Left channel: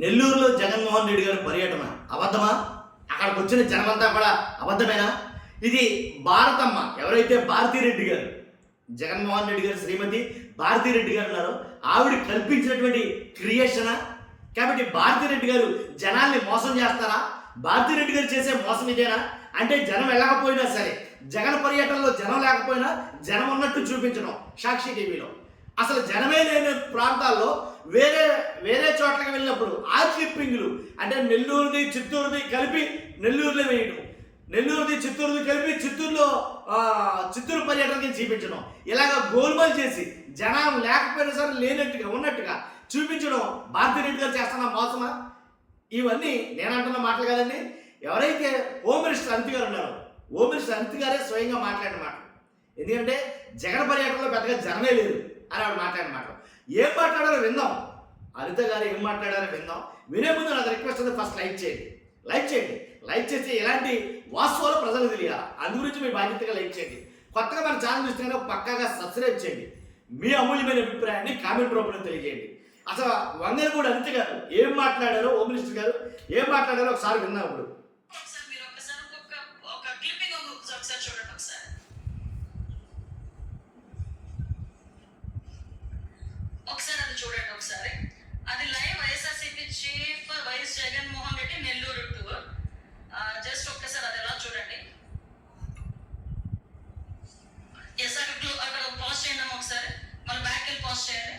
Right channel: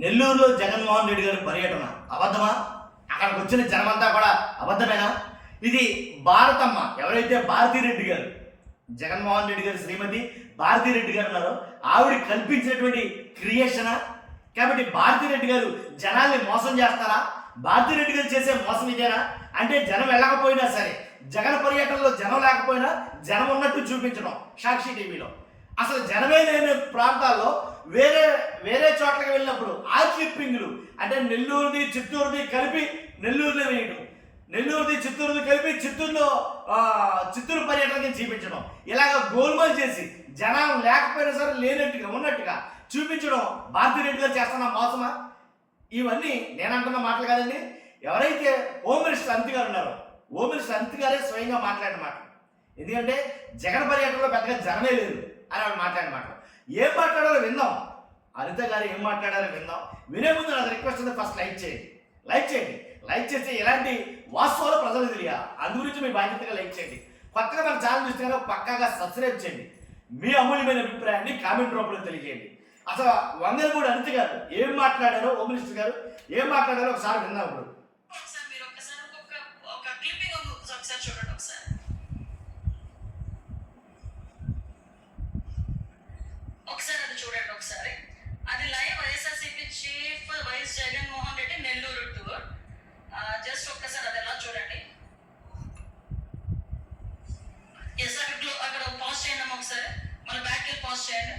నెల్లూరులో జగన్మోహన్ రెడ్డి గారి పర్యటన అబద్ధమా? అక్కడికి వచ్చిన జనమంతా కూడా అబద్ధమేనా? ఇది భారతమ్మ ఎవరైతే భారతీరెడ్డి గారు, జగన్మోహన్ రెడ్డి గారు శ్రీమతి భారతీరెడ్డి గారు ఉన్నారో ఆవిడ కల్పించినటువంటి క్రియేషనా? కాబట్టి భారతీరెడ్డి గారు జనాల్ని మోసం చేస్తారా? భారతీరెడ్డి గారు చేసే మోసం ఇదేనా? అంటే జనం వెళ్ళకపోయినా సరే, జగన్ పర్యటనలో జనం లేకపోయినా జనం ఉన్నట్టు చూపించడం సాక్షి టీవీలో. అసలు జనమే లేని ప్రాంతాల్లో వేరే వేరే చోట్లకి వెళ్ళినప్పుడు ఆ క్లిప్పింగ్లు అంటే నెల్లూరుది చిత్తూరుది కలిపి నెల్లూరులో వేయడం, నెల్లూరుది చిత్తూరుది కలిపి చిత్తూరు పర్యటనకి చూపించడం, ఇలాగ గోల్మాల్ చేసి జనం లేకపోయినా సరే లేనట్టుగా ఉన్నట్టుగా చూపించడం భారతీరెడ్డి గారు చేస్తున్న మోసమా? ఇవన్నీ నేను అంటున్న మాటలు కాదండి. ఎవరైతే హోమ్ మినిస్టర్ అనిత్ గారు ఉన్నారో హోమ్ మినిస్టర్ అనిత్ గారే స్వయంగా మాట్లాడిన మాటలు. ఎందుకంటే జగన్ పర్యటనలో పెద్దగా జనమే లేదు అని ఆవిడ మాట్లాడిన మాటలు. ఏం మాట్లాడారో విందాం. అనిత గారు ఏం మాట్లాడారో విందాం. వినే ముందు నాకు రిక్వెస్ట్ ఉంది, ఫస్ట్ లైక్ చేయండి. లైక్ చేస్తే ఎలాంటి వాస్తవాలు ప్రజలకు తెలియాలి. అందు గురించి మీ బాధ్యతగా లైక్ చేయండి. కొత్తగా మన ఛానల్ చూస్తే కనుక పక్కాగా సబ్స్క్రైబ్ చేయండి. మీ అమూల్యమైన అభిప్రాయాన్ని కామెంట్ రూపంలో తెలియజేయండి. అసలు వంగలపూడి అనిత గారు ఏం మాట్లాడారో, హోమ్ మినిస్టర్ గారు ఏం మాట్లాడారో ఒకసారి విందాం. ఇప్పుడు చూడండి ఒకసారి. అది live YSRCP chief YS Jaganmohan Reddy Nellore tour. Just ఒక్కసారి అది ఎలా చూడండి. ఎస్, అక్కడ పాజ్ చేయండి అమ్మ ఒకసారి. మళ్ళీ బ్యాక్ వెళ్ళి పాజ్ చేయండి.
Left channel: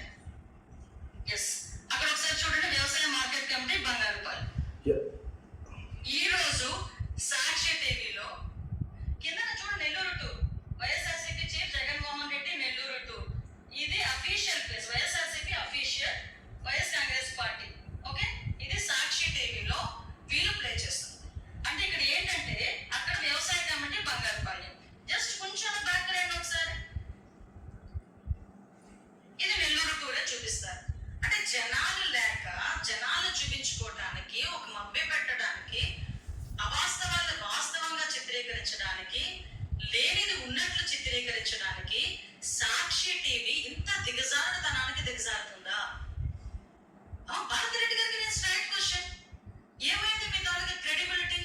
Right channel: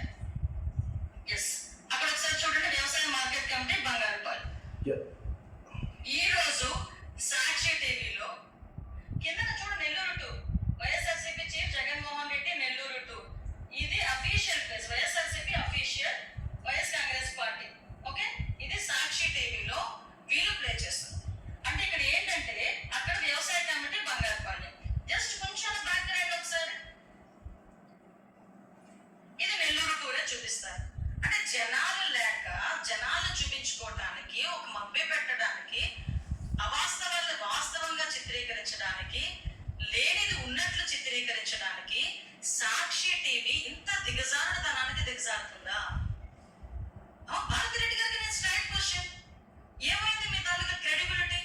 ఎస్, అక్కడ ఒకసారి చూడండి. వ్యవసాయ మార్కెట్ కమిటీ బంగారుపాలెం. ఈ రోజు సాక్షి టీవీలో కింద చూడు Nellore tour, YSRCP chief Jaganmohan Reddy Nellore tour. ఇది official page, YSRCP official, YS Congress party. Okay, ఇది సాక్షి టీవీలో వీళ్ళు ప్లే చేస్తుంది. అంటే ఇక్కడ ఏంటంటే అక్కడ వ్యవసాయ కమిటీ బంగారుపాలెం. జస్ట్ కొంచెం బ్యాక్ రండి ఒకసారి. ఇది నెల్లూరు టూరే చూపిస్తారు. అంటే జనాలు లేక జనాలు చూపించుకోవటానికి, ఒక మభ్య పెట్టడానికి, అవాస్తవాలను వాస్తవంగా చిత్రీకరించడానికి, లేనిది ఉన్నట్లు చిత్రీకరించడానికి సాక్షి టీవీ ఇంత దిగజారుడుతనానికి దిగజారుతుందా? భారతిరెడ్డి గారికి నేను స్ట్రైట్ క్వశ్చన్, ఏమైంది మీ తాలూకా క్రెడిబిలిటీ?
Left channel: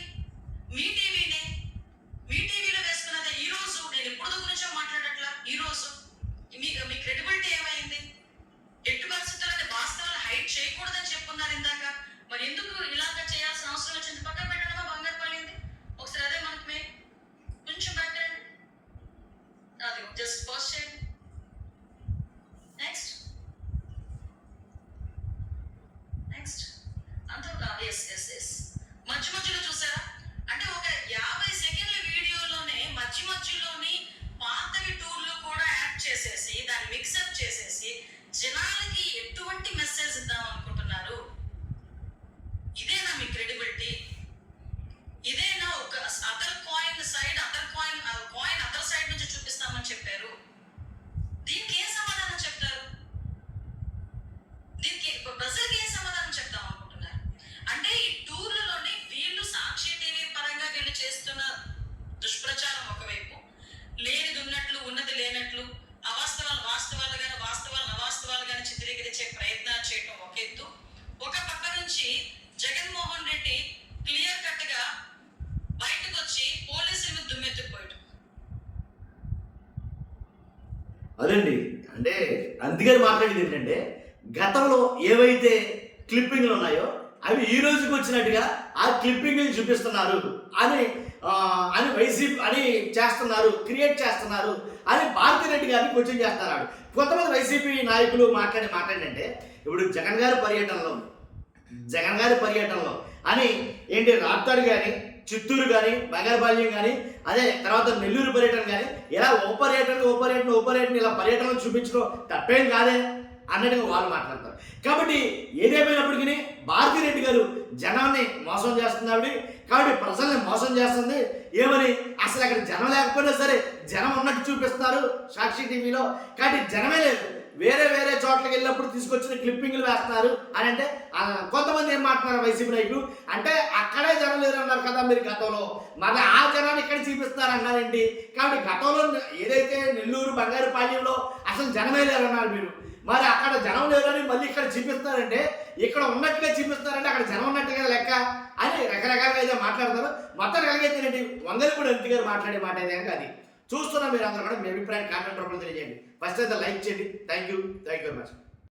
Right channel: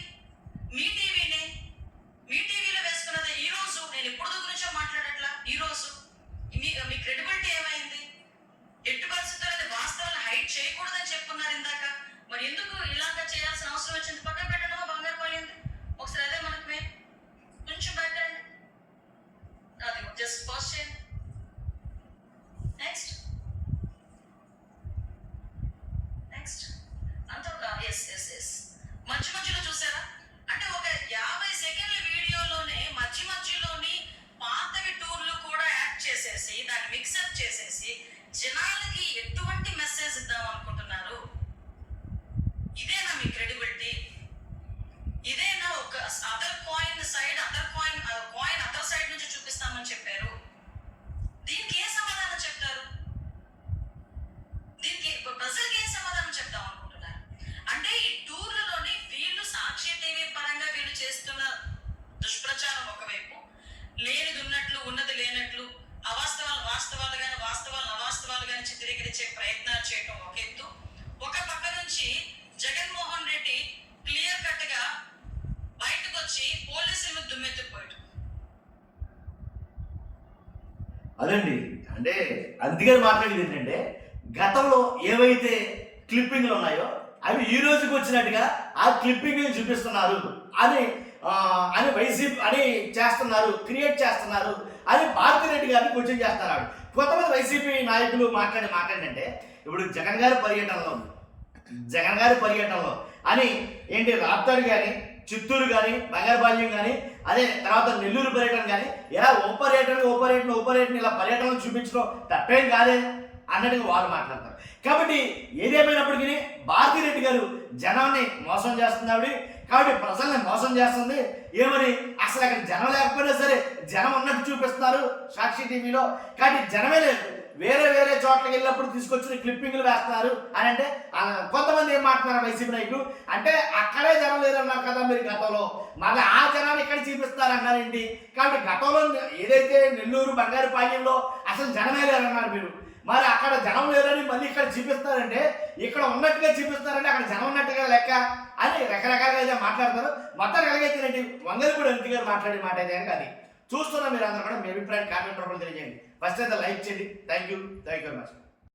మీ టీవీనే, మీ టీవీలో వేసుకున్నదే. ఈ రోజు నేను ఇప్పుడు గురించో మాట్లాడట్లా, ఈ రోజు మీ క్రెడిబిలిటీ ఏమైంది? ఎట్టి పరిస్థితుల్లో వాస్తవాలను హైట్ చేయకూడదని చెప్పున్నారు ఇందాక. మరి ఎందుకు ఇలాగా చేయాల్సిన అవసరం వచ్చింది? పక్కన పెట్టడమా బంగారు పాలింది? ఒకసారి అదే మనకు కొంచెం పెట్టండి. అది జస్ట్ పాజ్ చేయండి. నెక్స్ట్ అంతా ఎస్ మధ్యలో చూసారా? అంటే ఒక 50 సెకండ్ల వీడియోలోనే మధ్యలోని పాతవి టూర్లు కూడా యాడ్ చేసేసి దాన్ని మిక్సప్ చేసేసి జనాలకి ఎటువంటి మెసేజ్ ఇద్దాం అనుకుంటున్నారు? ఇదేనా మీ క్రెడిబిలిటీ? ఇదేనా ఒక అదర్ కాయిన్ సైడ్ నుంచి చూపిస్తామని చెప్పారు? దీనికి ఏం సమాధానం చెప్తారు? దీనికి ప్రజలకి ఏం సమాధానం చెప్తాం అనుకుంటున్నారు? అంటే ఈ టూర్లలోని వీళ్ళు సాక్షి టీవీ పరంగా వీళ్ళు చేస్తున్న దుష్ప్రచారం ఒకవైపు, లేనిది ఉన్నట్లు ఉన్నది లేనట్లు, అవాస్తవాలు వాస్తవాలుగానే వాస్తవాలను అవాస్తవాలుగానే చిత్రీకరించే ప్రయత్నాలు చేయటం ఒక ఎత్తు. ఒక పక్క నుంచి జగన్మోహన్ రెడ్డి క్లియర్ కట్ గా బయటకు వచ్చి పోలీసుల మీద దుమ్మెత్తిపోయాడు. అదండి. అంటే అందుకని మాట్లాడేది ఏంటంటే గతంలో ఏవైతే క్లిప్పింగ్లు ఉన్నాయో అవి ఈ రోజుకి వచ్చినట్టుగా ఆ క్లిప్పింగ్ని చూపిస్తున్నారు అని వైసీపీ అని చేస్తున్నారు, క్రియేట్ చేస్తున్నారు అని భారతిరెడ్డి గారిని క్వశ్చన్ చేస్తున్నారు. కొంతమంది వైసీపీ నాయకులు మాట్లాడంటే ఇప్పుడు జగన్ గారి పర్యటనలో అని ఏంటి రాప్తాడు కానీ, చిత్తూరు కానీ, బంగారుపాలెం కానీ, అదే తర్వాత నెల్లూరు పర్యటన కానీ, ఇలా ఓ పర్యటన ఇలా పర్యటనలు చూపించడం తప్పేం కాదే అన్నట్టుగా వాళ్ళు మాట్లాడతారు. కాబట్టి ఏదేమైనప్పటికీ భారతిరెడ్డి గారు జనాన్ని మోసం చేస్తుంది కాబట్టి ప్రజల్ని మోసం చేస్తుంది. ఏమని అసలు అక్కడ జనం లేకపోయినా సరే జనం ఉన్నట్టు చూపిస్తున్నారు సాక్షి టీవీలో. కాబట్టి జనమే లేదు, వేరే చోట్లకి వెళ్ళినప్పుడు తీసుకొచ్చిన క్లిప్పింగ్లు వేస్తున్నారు అని అంటే కొంతమంది ఏం మాట్లాడుతున్నారు వైసీపీ నాయకులు అంటే అక్కడే జనం లేరు అన్నారు కదా మీరు గతంలో, మళ్ళీ ఆ జనాన్ని ఇక్కడ చూపిస్తారు అన్నారేంటి? కాబట్టి గతంలో ఏదైతే నెల్లూరు బంగారుపాలెంలో అసలు జనమే లేరన్నారు మీరు. మరి అక్కడ జనం లేదని మళ్ళీ ఇక్కడ చూపిస్తారంటే ఇక్కడ ఉన్నట్టుగా చూపిస్తారంటే అక్కడ జనం ఉన్నట్టుగా లెక్క అని రకరకాలుగా అయితే మాట్లాడతారు. మొత్తానికి కలిగైతేనండి వంగలపూడి అనిత గారు మాట్లాడే మాట అయితే కనుక అది చూస్తున్నా. మీరు అందరూ కూడా మీ అభిప్రాయం కామెంట్ రూపంలో తెలియజేయండి. ఫస్ట్ అయితే లైక్ చేయండి. Thank you very much.